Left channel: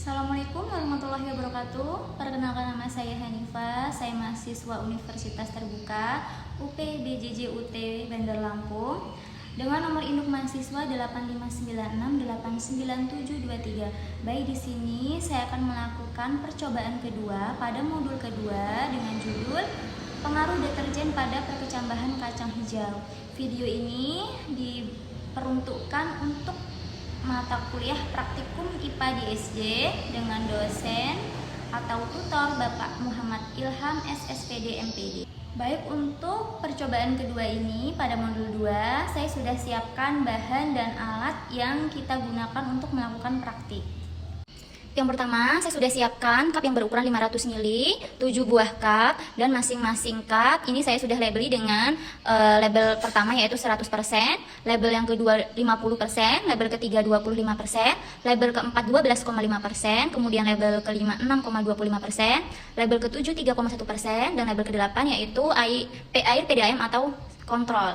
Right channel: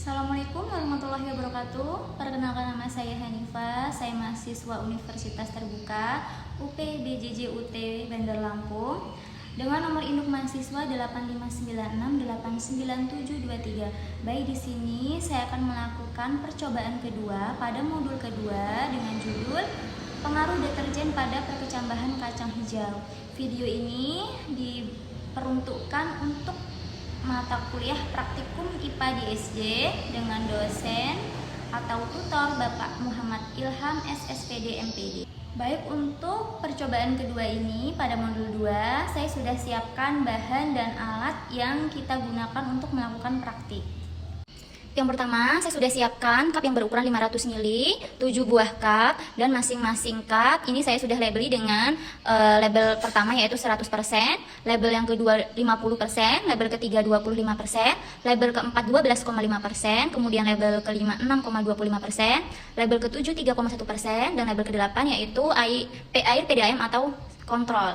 Assalamualaikum warahmatullahi wabarakatuh. Perkenalkan, nama saya Hanifah. Saya mahasiswa Universitas Terbuka UPBJJ UT Bandar Lampung dengan nomor induk mahasiswa 8596899723. Baik, di sini saya akan melakukan percobaan kedua pada modul kedua dengan judul pengaruh deterjen pada perkecambahan kacang hijau. Video ini diperuntukkan untuk mata kuliah praktikum IPA di SD dengan dosen atau tutor Bapak Muhammad Ilham SSPD MPD. Baik, untuk percobaan kedua ini pada modul 2 saya sudah siapkan bahan dan alat yang kita gunakan untuk melakukan praktik. Yang pertama, saya sudah siapkan cup yang berukuran 500 ml, 7 buah cup, dan masing-masing cup ini saya sudah labeli dengan label pertama yaitu 100%, label yang kedua 50%, label ketiga 25%, label keempat 12,5%, kemudian label kelima 6,25%, label ketujuh 3,1%, dan label ke-8 yaitu air PDAM atau kontrol.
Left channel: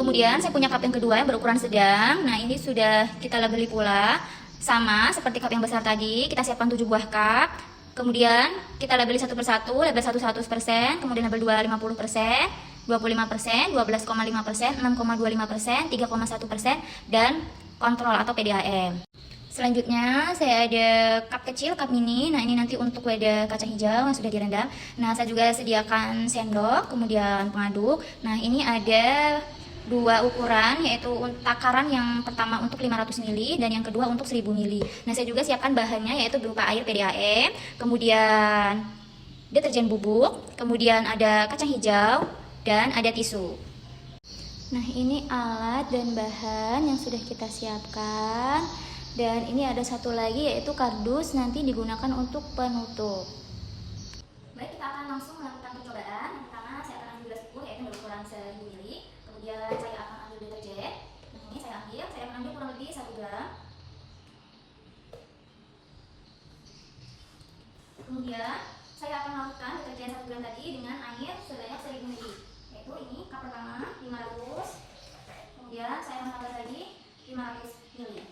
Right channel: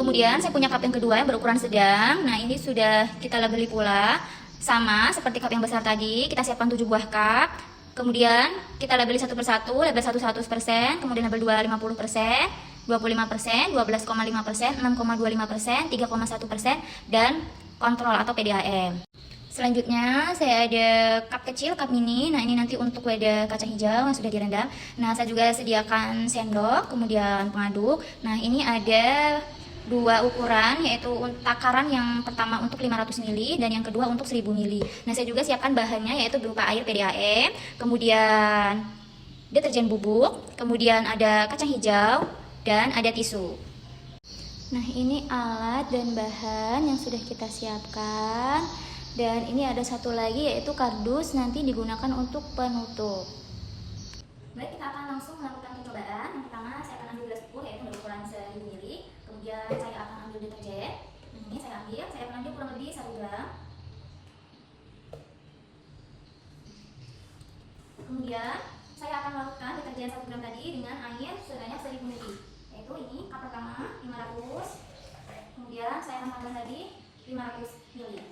Kemudian saya punya cup yang kedua yang berukuran sedang. Nah, ini sudah kita labeli pula. Sama seperti cup yang besar tadi, kita siapkan 7 buah cup. Kemudian kita labeli satu persatu, label 1 100%, kemudian label 2 50%, 25%, 12,5%, 6,25%, 3,1%, dan kontrol atau PDAM. Selanjutnya saya ada cup kecil, cup mini. Nah, ini nanti untuk wadah kacang hijau yang sudah direndam. Nah, saya juga sediakan sendok, kemudian pengaduk. Nah, ini ada dua ukuran, yaitu takaran yang pertama untuk 500 ml dan yang kedua untuk 1000 ml. Nah, saya juga siapkan bahannya yaitu berupa air PDAM, kemudian deterjen bubuk, kemudian ada kacang hijau, dan ada tisu. Nah, ini alat dan bahan yang sudah kita siapkan. Dan ini ada satu lagi yaitu kardus, nanti digunakan untuk penutup. Baik, kita akan langsung melakukan percobaan. Yang pertama, saya akan ambil gelas ukur yaitu berukuran 1000 ml. Kemudian saya akan ambil deterjen. Nah, ini saya akan ambil kurang lebih 1 gram. Kemudian saya akan lakukan deterjen 1 gram tadi dengan air sebanyak 1000 ml. Yaitu ini cup pertama 500. Kemudian saya akan tambah lagi 500 ml.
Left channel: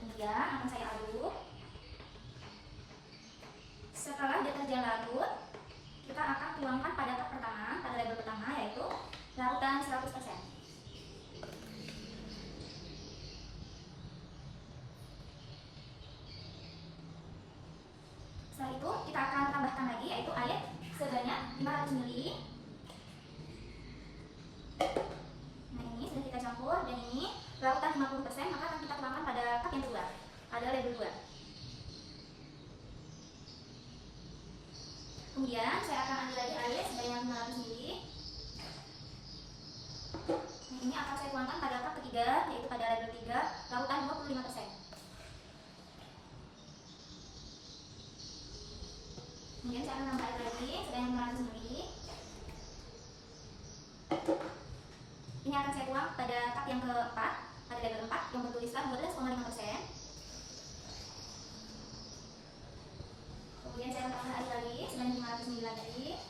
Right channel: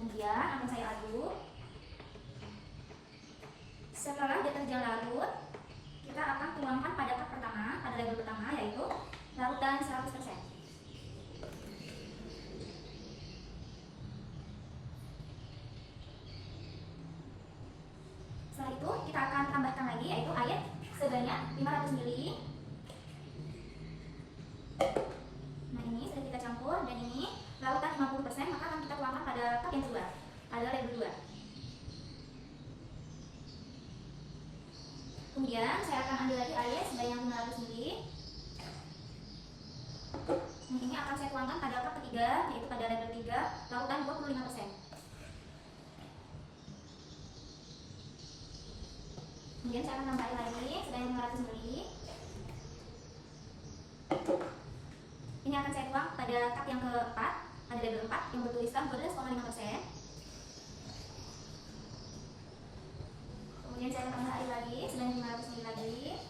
Kemudian akan saya aduk. Setelah deterjen larut, kita akan tuangkan pada cup pertama, pada label pertama yaitu larutan 100%. Setelah itu kita akan tambahkan lagi yaitu air sebanyak 500 ml. Nah, ini sudah kita campur dan ini larutan 50%, maka akan kita tuangkan pada cup yang kedua, pada label 2. Kemudian saya akan ambil lagi air sebanyak 500 ml. Nah, ini akan saya tuangkan pada cup ketiga yaitu pada label 3, larutan 25%. Kemudian saya akan tambah air lagi sebanyak 500 ml. Ini akan saya tuang pada cup yang keempat, pada label 4 yang bertuliskan 12,5%. Kemudian saya akan tambah air lagi sebanyak 500 ml lagi.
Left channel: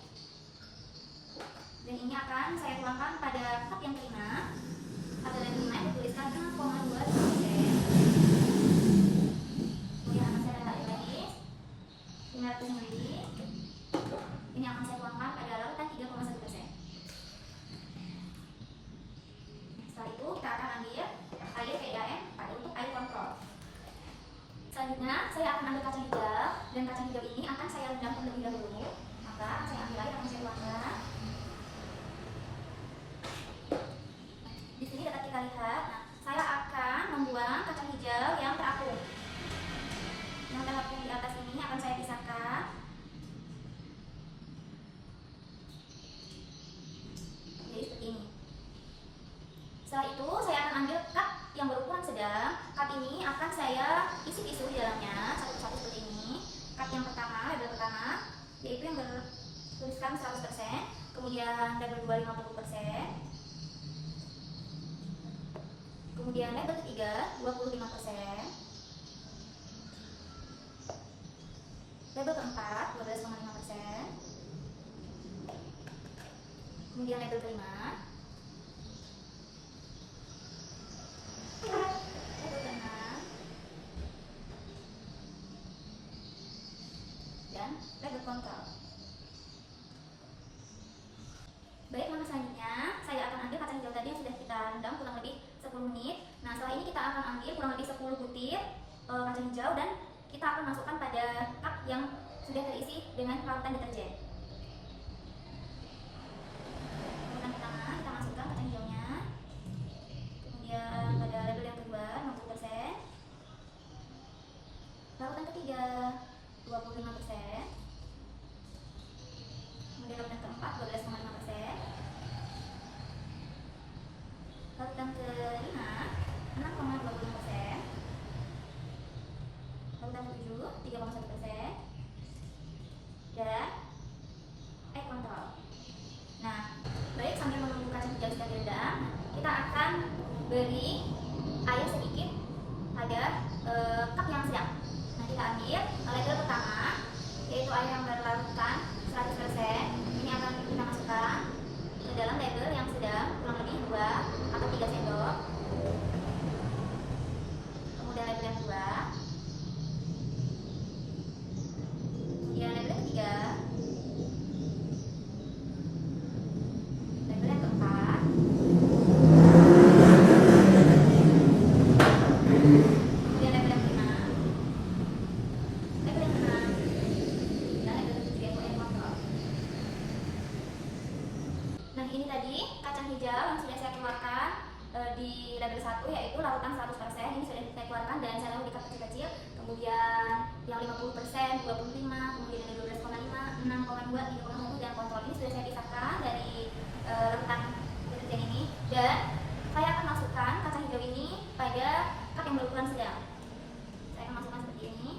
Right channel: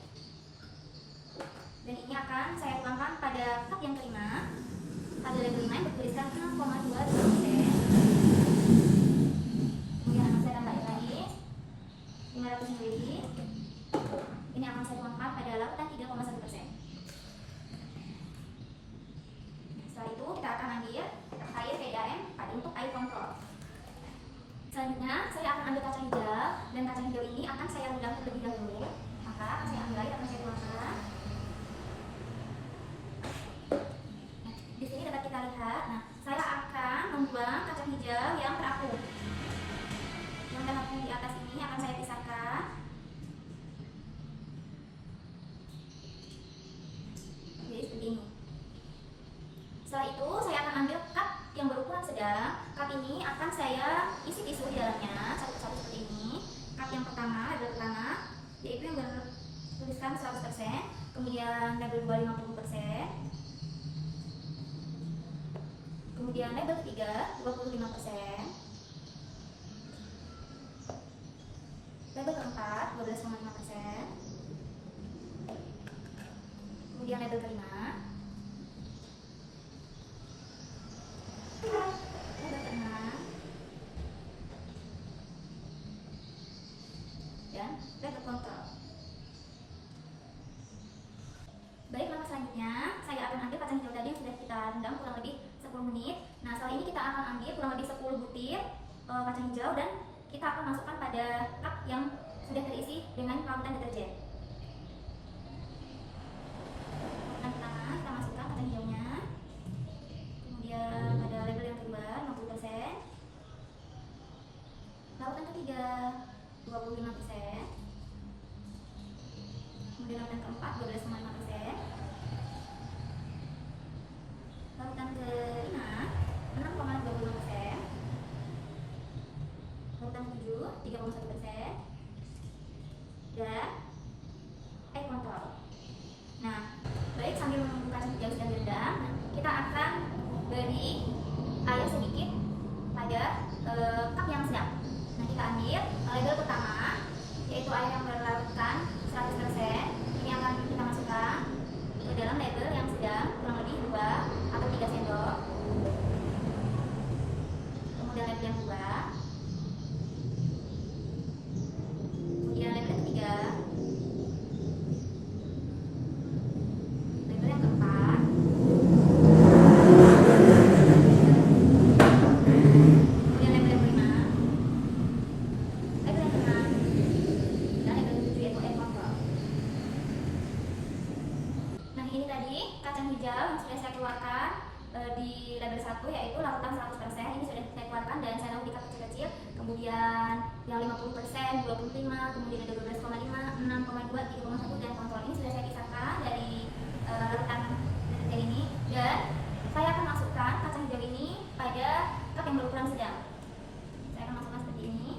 Dan ini akan saya tuangkan pada cup yang kelima, pada label 5 yang bertuliskan 6,25%. Kemudian akan saya tambah air lagi 500 ml. Ini akan saya tuangkan pada larutan 3,1%. Setelah itu kita akan ambil air PDAM untuk air kontrol. Selanjutnya saya akan ambil kacang hijau, dan kacang hijau ini akan saya rendam terlebih dahulu. Maka saya ambil air, akan saya tuangkan. Di sini dapat kita lihat. Nah, saya akan membuang kacang hijau yang terapung. Yang terapung di atas ini akan saya pisahkan. Jadi seperti ini. Setelah itu saya akan ambil cup yang berukuran sedang. Cup ini akan saya isi tisu di dalamnya satu-satu seperti ini. Cup yang pertama, label pertama, yaitu yang bertuliskan 100%, kemudian label 2 50%, kemudian label ketiga 25%, label keempat 12,5%, kemudian label kelima, label keenam, Kali ini kita akan ambil kurang lebih 10 butir kacang hijau dan kita akan masukkan pada cup yang sudah terisi dengan larutan deterjen. Yang pertama kita masukkan kacang hijaunya, kemudian pada label yang kedua 50%, larutan ketiga 25%, kemudian larutan keempat 12,5%, larutan kelima 6,25%, larutan ketujuh 3,1%, dan air kontrol. Nah, baik sambil menunggu kacang hijau sudah direndam, kita akan beri air sedikit pada cup yang sedang. Nah, kita ambil label pertama, yaitu air yang berlarutkan 100%. Ini akan kita masukkan ke dalam label yang sedang, kurang lebih 2 atau 3 sendok. Kemudian label yang kedua, kemudian label yang ketiga, label yang keempat, kemudian label yang kelima, label yang keenam, dan label yang ketujuh, yaitu air kontrol. Nah, ini tadi kacang hijau yang sudah saya keluarkan di label 1, yaitu larutan 100%. Ini sudah saya keluarkan dan saya lalu di cup kecil-kecil. Kemudian yang 50%, 25, kemudian ada 12,5, 6,2, 3,1, dan kontrol. Ini sudah saya pisahkan dari larutan deterjen ini, dan saya akan masukkan kacang hijau ini pada cup yang berukuran sedang. Saya akan masukkan seperti ini.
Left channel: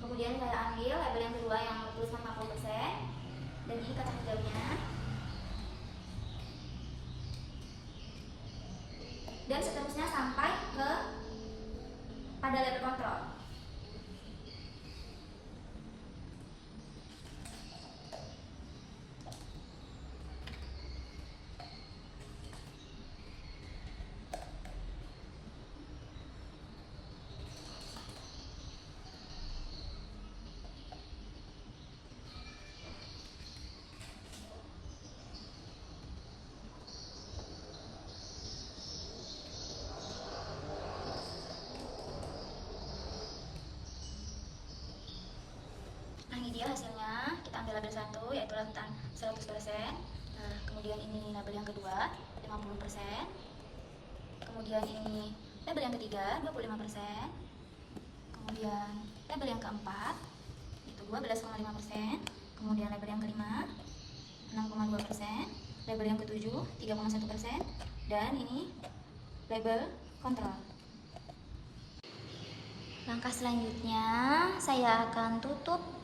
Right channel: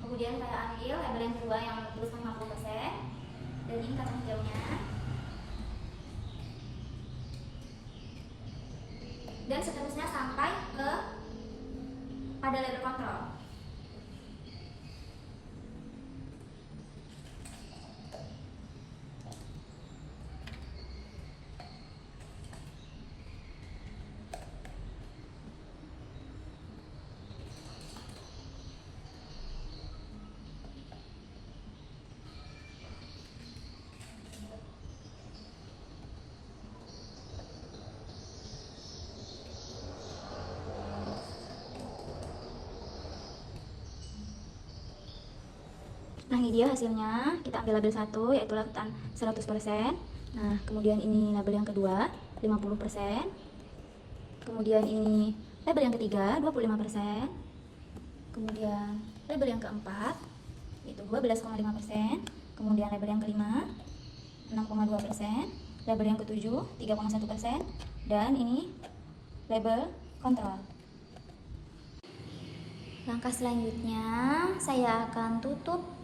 Kemudian saya ambil label yang kedua yang tulisan 50%, dan ini kacang hijaunya. Dan seterusnya sampai ke pada label kontrol. Nah, ini dia hasilnya. Kita ambil label 1, yaitu larutan 100%. Nah, kemudian ini label yang kedua 50%. Kemudian ini label yang ketiga 25%. Kemudian label yang keempat itu 12,5%. Kemudian label yang kelima 6,2%. Label yang ketujuh 3,1%. Dan ini label kontrol. Langkah selanjutnya saya akan tutup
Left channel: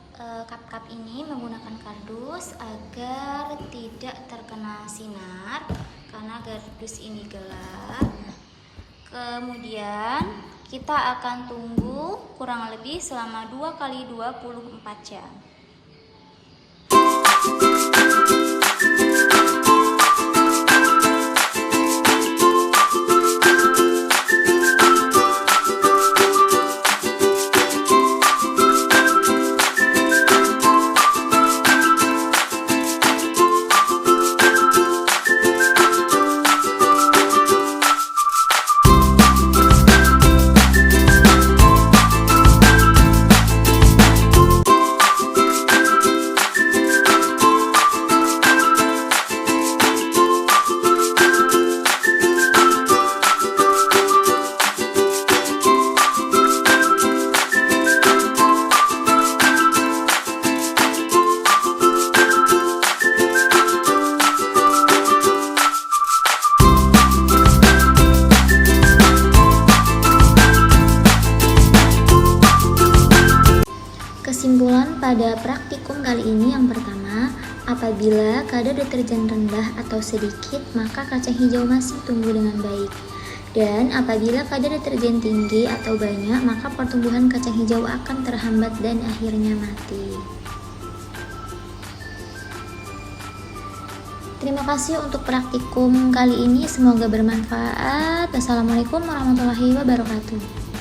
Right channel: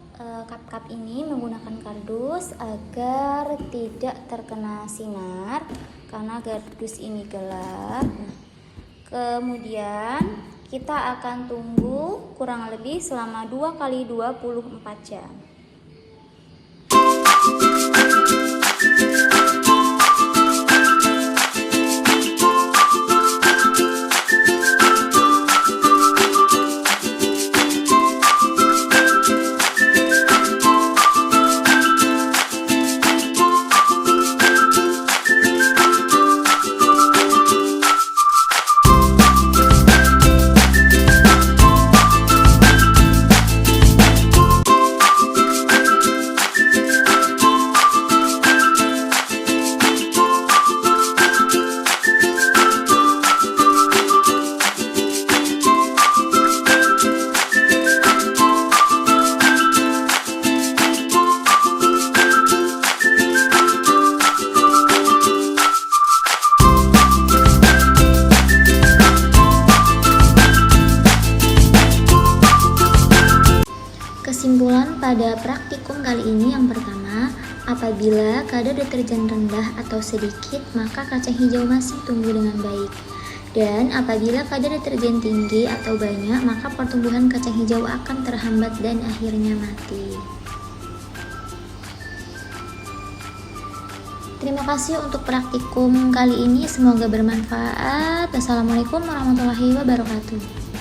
cup-cup ini menggunakan kardus agar tidak terkena sinar karena kardus ini gelap. Kemudian kita akan tunggu kurang lebih selama 2 kali 24 jam. Kesimpulan pada praktikum kali ini yang pertama, apabila kadar deterjen rendah atau sedikit, maka kacang hijau masih tumbuh dengan baik. Dan apabila kadar deterjen tinggi atau banyak, maka pertumbuhan kacang hijau akan terhambat dan akhirnya mati. Terima kasih untuk praktikum kali ini, semoga bermanfaat. Wassalamualaikum warahmatullahi wabarakatuh.